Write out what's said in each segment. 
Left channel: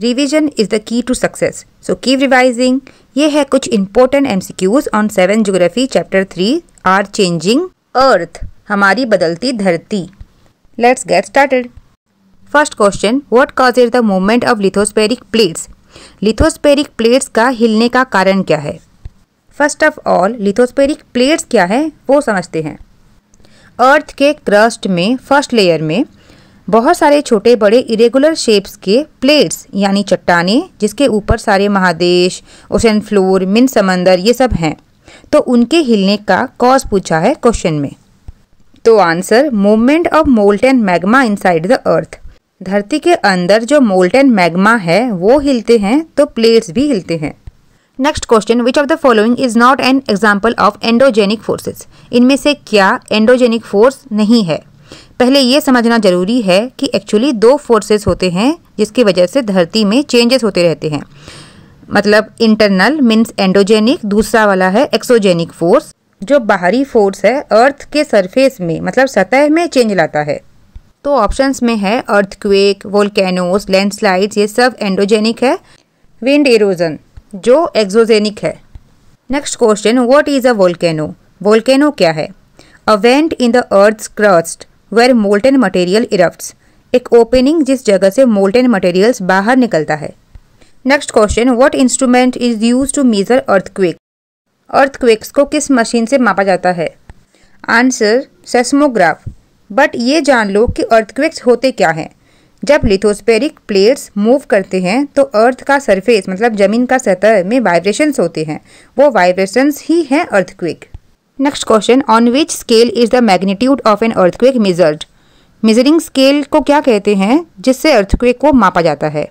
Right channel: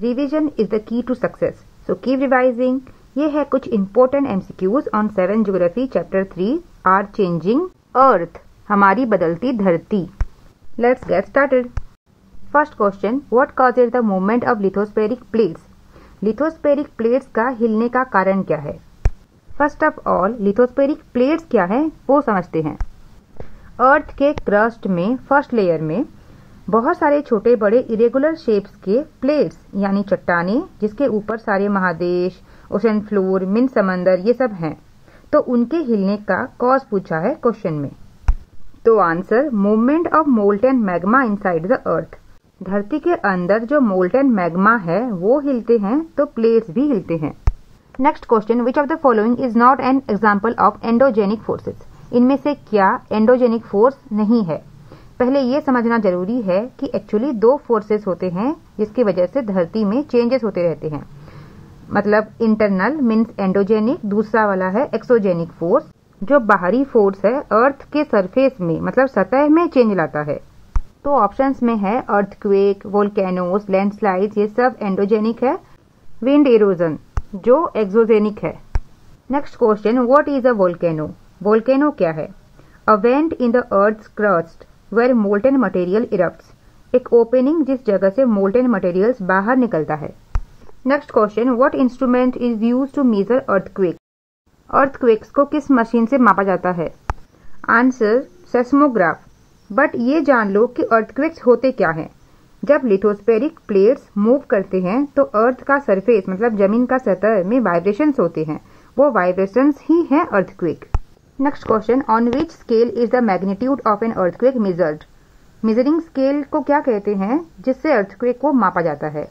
Revision is the key to success, so keep revising. ये है कुछ important MCQs on 7 geography chapter 3 our changing earth, हमारी बदलती धरती। Let's get started. First question, what causes the movement of lithospheric plates? Lithospheric plates का हिलने का कारण क्या है? First of all lithospheric plates क्या है वो समझते हैं। अर्थ के क्रस्ट में फर्स्ट लेयर में बहुत सारे छोटे बड़े इरेगुलर शेप्स के प्लेट्स यानी चट्टानें, जिसके ऊपर सारे महादेश, ओशन फ्लोर, मिन समंदर ये सब हैं, तो उनके हिलने का कॉज पूछा है क्वेश्चन में। तो answer, movement of molten magma inside the earth. धरती के अंदर जो मोल्टेन मैग्मा है वो हिलते हैं तो प्लेट्स भी हिलते हैं। Next question, which of the following is not an example of endogenic forces? इनमें से क्या एंडोजेनिक फोर्स नहीं है? पहले ये समझना जरूरी है कि एक्चुअली 2 फोर्सेस होते हैं जिसकी वजह से धरती में चेंजेस होते रहते हैं। मतलब इंटरनल मीन्स एंडोजेनिक, दूसरा वाला है एक्सोजेनिक फोर्स, जो बाहरी फोर्स है अर्थ के सरफेस में मतलब सतह में चेंज लाता है। तो ऑप्शंस में है अर्थक्वेक, वोल्केनोस, लैंडस्लाइड्स, ये सब एंडोजेनिक है। विंड इरोजन जो एक्सोजेनिक है। Next question, what is a volcano? Volcano क्या है? A vent in the earth's crust where molten material erupts, एक ओपनिंग जिस जगह से मोल्टेन मटेरियल्स बाहर निकलता है। Next question, what instrument is used to measure earthquake? Earthquakes को किस मशीन से मापा जाता है? Answer, seismograph. बट ये जान लो कि अर्थक्वेक्स होते क्या हैं। जब लिथोस्फेरिक प्लेट्स मूव करते हैं तो अर्थ का सरफेस मतलब जमीन का सतह में वाइब्रेशंस होते हैं, वो वाइब्रेशंस ही हैं earthquake. Next question, on which scale is the magnitude of an earthquake measured? Measuring scale को क्या कहते हैं जिससे अर्थक्वेक को मापा जाता है?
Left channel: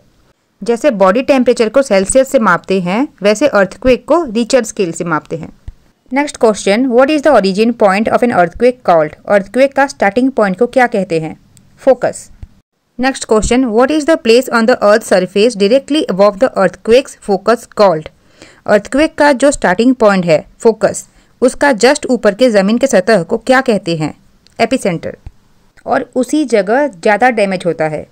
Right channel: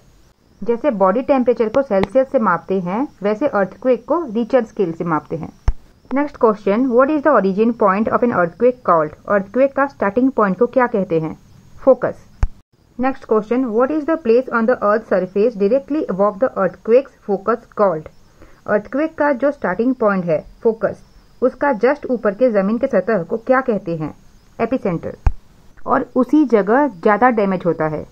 जैसे बॉडी टेम्परेचर को सेल्सियस से मापते हैं वैसे अर्थक्वेक को रिचर स्केल से मापते हैं। Next question, what is the origin point of an earthquake called? Earthquake का स्टार्टिंग पॉइंट को क्या कहते हैं? Focus. Next question, what is the place on the earth surface directly above the earthquakes focus called? Earthquake का जो starting point है focus, उसका just ऊपर के जमीन के सतह को क्या कहते हैं? एपिसेंटर। और उसी जगह ज़्यादा डैमेज होता है।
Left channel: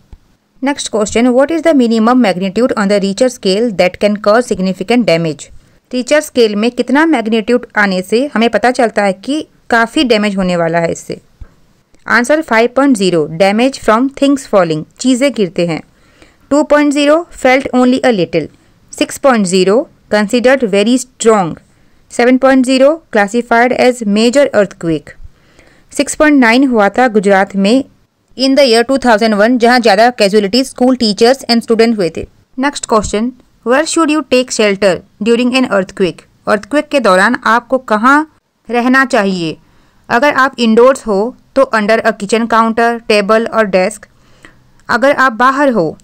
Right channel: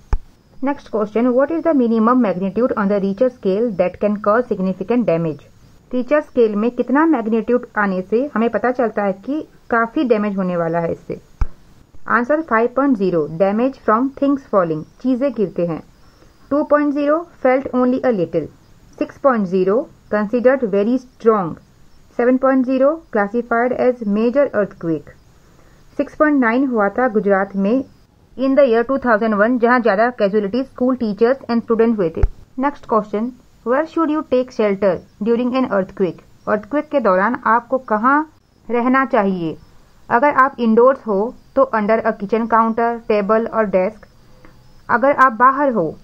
Next question, what is the minimum magnitude on the richer scale that can cause significant damage? Richer scale में कितना मैग्नीट्यूड आने से हमें पता चलता है कि काफ़ी डैमेज होने वाला है इससे? Answer 5.0, damage from things falling, चीज़ें गिरते हैं। 2.0, felt only a little. 6.0, considered very strong. 7.0, classified as major earthquake. 6.9 हुआ था गुजरात में इन द ईयर 2001, जहां ज़्यादा casualties school teachers and student हुए थे। Next question, where should you take shelter during an earthquake? Earthquake के दौरान आपको कहाँ रहना चाहिए? अगर आप इंडोर्स हो तो under a kitchen counter, table और डेस्क। अगर आप बाहर हो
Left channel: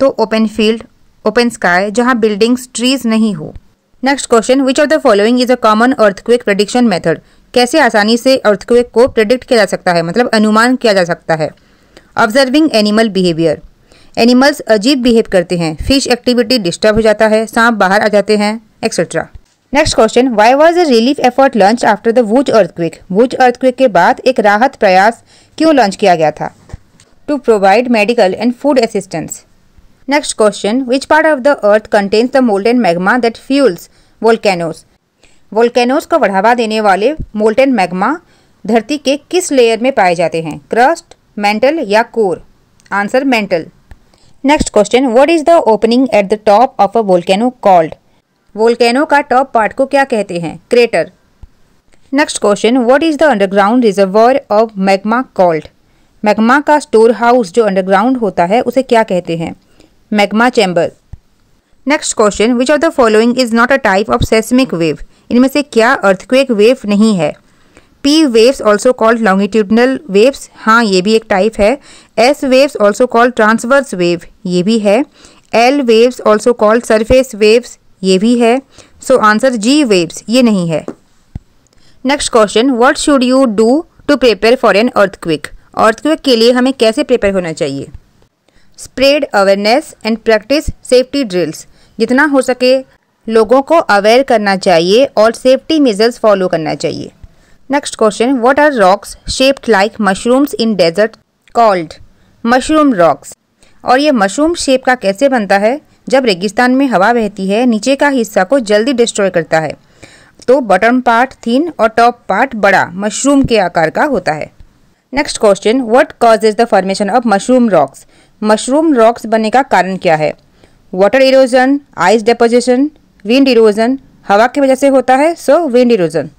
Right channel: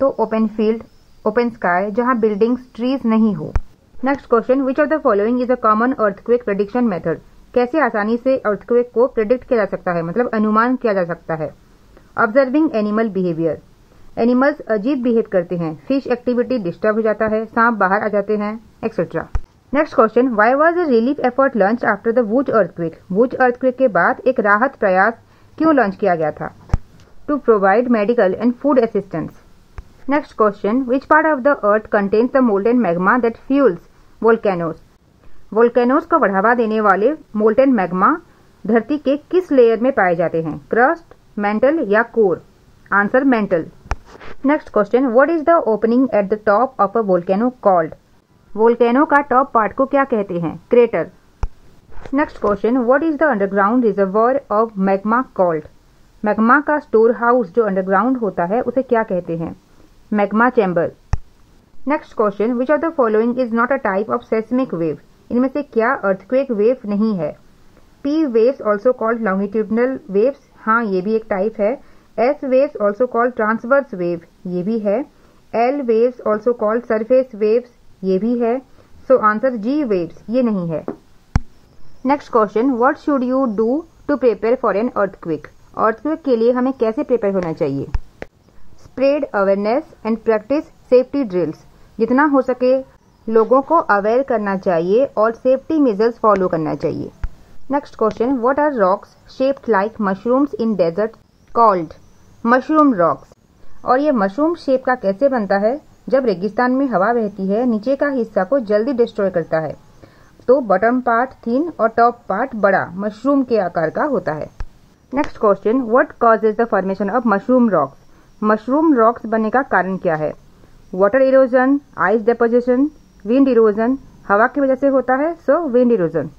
तो ओपन फील्ड, ओपन स्काई, जहाँ बिल्डिंग्स, ट्रीज नहीं हो। Next question, which of the following is a common earthquake prediction method? कैसे आसानी से अर्थक्वेक को प्रेडिक्ट किया जा सकता है, मतलब अनुमान किया जा सकता है? ऑब्जर्विंग एनिमल बिहेवियर, एनिमल्स अजीब बिहेव करते हैं, फिश एक्टिविटी डिस्टर्ब हो जाता है, सांप बाहर आ जाते हैं, etcetera. Next question, why was a relief effort launch after the was earthquake? Was earthquake के बाद एक राहत प्रयास क्यों लॉन्च किया गया था? To provide medical and food assistance. Next question, which part of the earth contains the molten magma that fuels volcanoes? Volcanoes को बढ़ावा देने वाले मोल्टेन मैग्मा धरती के किस लेयर में पाए जाते हैं? क्रस्ट, मेंटल या core? Answer, mental. Next question, what is the opening at the top of a volcano called? Volcano का टॉप पार्ट को क्या कहते हैं? Crater. Next question, what is the underground reservoir of magma called? Magma का store house जो underground होता है उसे क्या कहते हैं? Magma chamber. Next question, which of the following is not a type of seismic wave? इनमें से क्या अर्थक्वेक वेव नहीं है? P waves also called longitudinal waves, हाँ ये भी एक टाइप है। S waves also called transverse wave, ये भी है। L waves also called surface waves, ये भी है। सो आंसर जी वेव्स, ये नहीं है। Next question, what should you do to prepare for an earthquake? Earthquake के लिए हमें कैसे प्रिपेयर होना चाहिए? Spread awareness and practice safety drills, जितना हो सके लोगों को अवेयर करना चाहिए और सेफ्टी मेजर्स फॉलो करना चाहिए। Next question, what are rocks shaped like mushrooms in desert called? Mushroom rocks. और ये मशरूम शेप का कैसे बनता है? जब रेगिस्तान में हवा बहती है, नीचे का हिस्सा को जल्दी डिस्ट्रॉय करता है, तो बॉटम पार्ट थिन और टॉप पार्ट बड़ा मशरूम के आकार का होता है। Next question, what causes the formation of mushroom rocks? Mushroom rocks बनने का कारण क्या है? Water erosion, ice deposition, wind erosion. हवा की वजह से होता है, so wind erosion.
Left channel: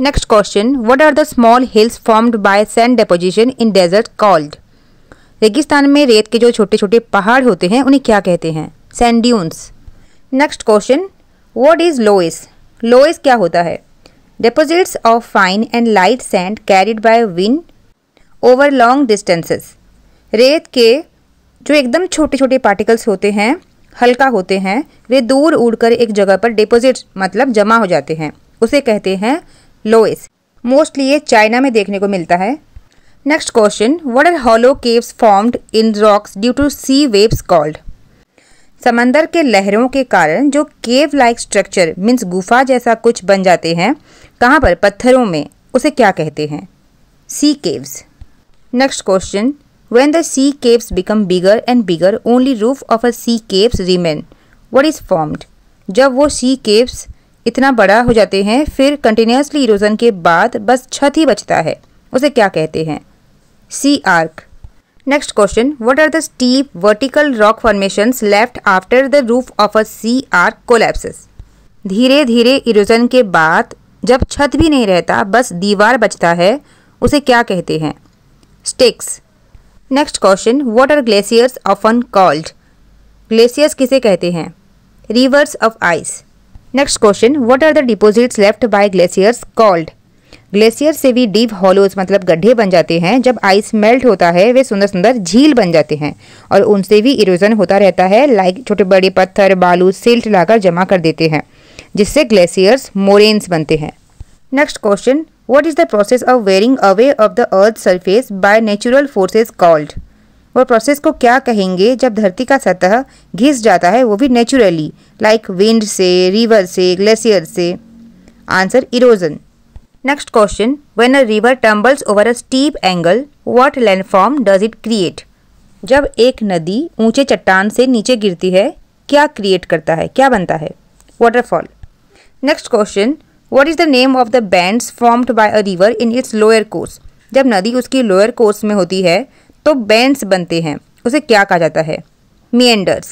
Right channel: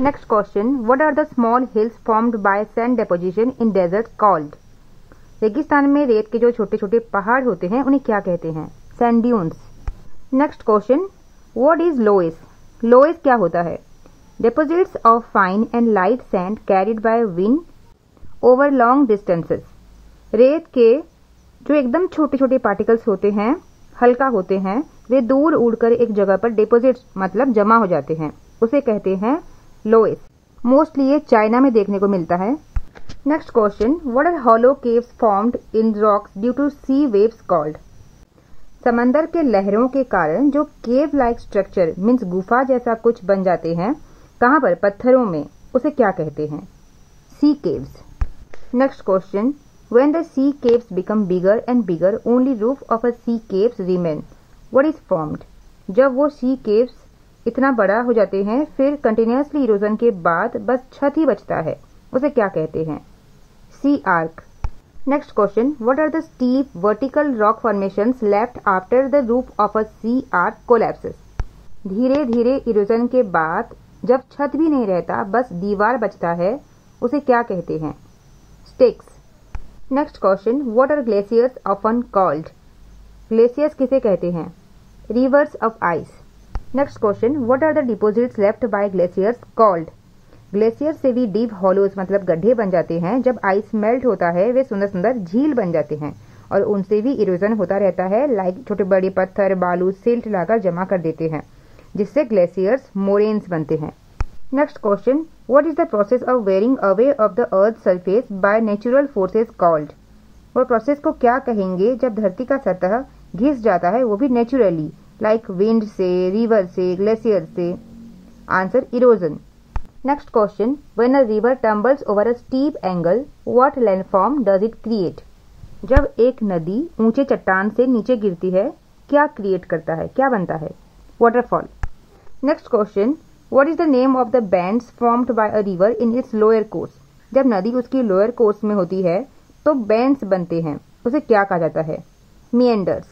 Next question, what are the small hills formed by sand deposition in desert called? रेगिस्तान में रेत के जो छोटे छोटे पहाड़ होते हैं उन्हें क्या कहते हैं? Sand dunes. Next question, what is loess? Loess क्या होता है? Deposits of fine and light sand carried by wind over long distances. रेत के जो एकदम छोटे छोटे पार्टिकल्स होते हैं, हल्का होते हैं, वे दूर उड़कर एक जगह पर डिपॉजिट मतलब जमा हो जाते हैं, उसे कहते हैं लोएस। मोस्टली ये चाइना में देखने को मिलता है। Next question, what are hollow caves formed in rocks due to sea waves called? समंदर के लहरों के कारण जो केव लाइक स्ट्रक्चर मीन्स गुफा जैसा कुछ बन जाते हैं, कहाँ पर? पत्थरों में, उसे क्या कहते हैं? Sea caves. Next question, when the sea caves become bigger and bigger, only roof of a sea caves remain. What is formed? जब वो sea caves इतना बड़ा हो जाते हैं, फिर कंटिन्यूसली इरोजन के बाद बस छत ही बचता है, उसे क्या कहते हैं? sea arc. Next question, what are the steep vertical rock formations left after the roof of a sea arc collapses? धीरे धीरे इरोजन के बाद जब छत भी नहीं रहता, बस दीवार बचता है, उसे क्या कहते हैं? sticks. Next question, what are glaciers often called? Glaciers किसे कहते हैं? Rivers of ice. Next question, what are the deposits left by glaciers called? Glacier से भी डीप हॉलोज मतलब गड्ढे बन जाते हैं। जब आइस मेल्ट होता है, वे सुंदर सुंदर झील बन जाते हैं और उनसे भी इरोजन होता रहता है, लाइक छोटे बड़े पत्थर, बालू, सिल्ट लाकर जमा कर देते हैं, जिससे ग्लेशियर्स मोरेन्स बनते हैं। Next question, what is the process of wearing away of the earth's surface by natural forces called? वो प्रोसेस को क्या कहेंगे जब धरती का सतह घिस जाता है, वो भी नेचुरली, लाइक विंड से, रिवर से, ग्लेशियर से? Answer erosion. Next question, when a river tumbles over a steep angle, what landform does it create? जब एक नदी ऊंचे चट्टान से नीचे गिरती है, क्या क्रिएट करता है, क्या बनता है? Waterfall. Next question, What is the name of the bands formed by a river in its lower course? जब नदी उसकी लोअर कोर्स में होती है तो बैंड्स बनते हैं, उसे क्या कहा जाता है? meanders.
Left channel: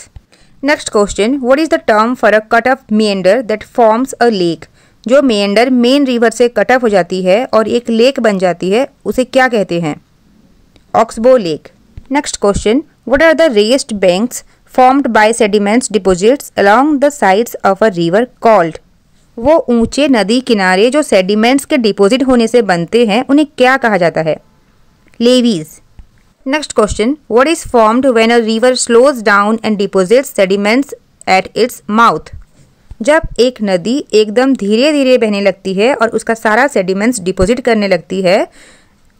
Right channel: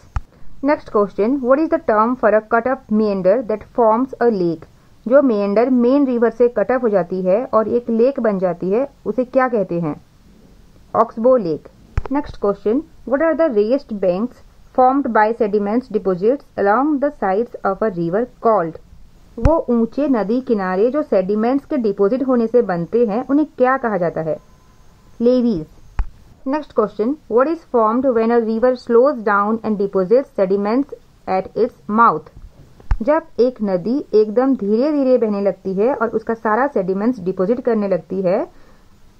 Next question, what is the term for a cut off meander that forms a lake? जो meander मेन रिवर से कट ऑफ हो जाती है और एक लेक बन जाती है, उसे क्या कहते हैं? Oxbow lake. Next question, what are the raised banks formed by sediments deposits along the sides of a river called? वो ऊंचे नदी किनारे जो सेडिमेंट्स के डिपॉजिट होने से बनते हैं, उन्हें क्या कहा जाता है? Levies. Next question, what is formed when a river slows down and deposits sediments at its mouth? जब एक नदी एकदम धीरे धीरे बहने लगती है और उसका सारा सेडिमेंट्स डिपॉजिट करने लगती है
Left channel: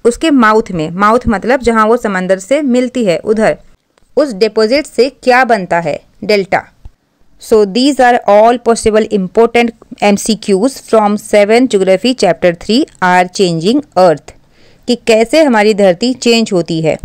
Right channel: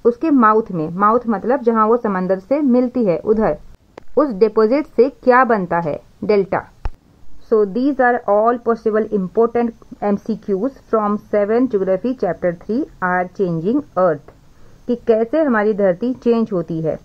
उसके माउथ में, माउथ मतलब जहां वो समंदर से मिलती है, उधर, उस डिपॉजिट से क्या बनता है? Delta. So these are all possible important MCQs from 7 Geography Chapter 3 are changing Earth कि कैसे हमारी धरती चेंज होती है।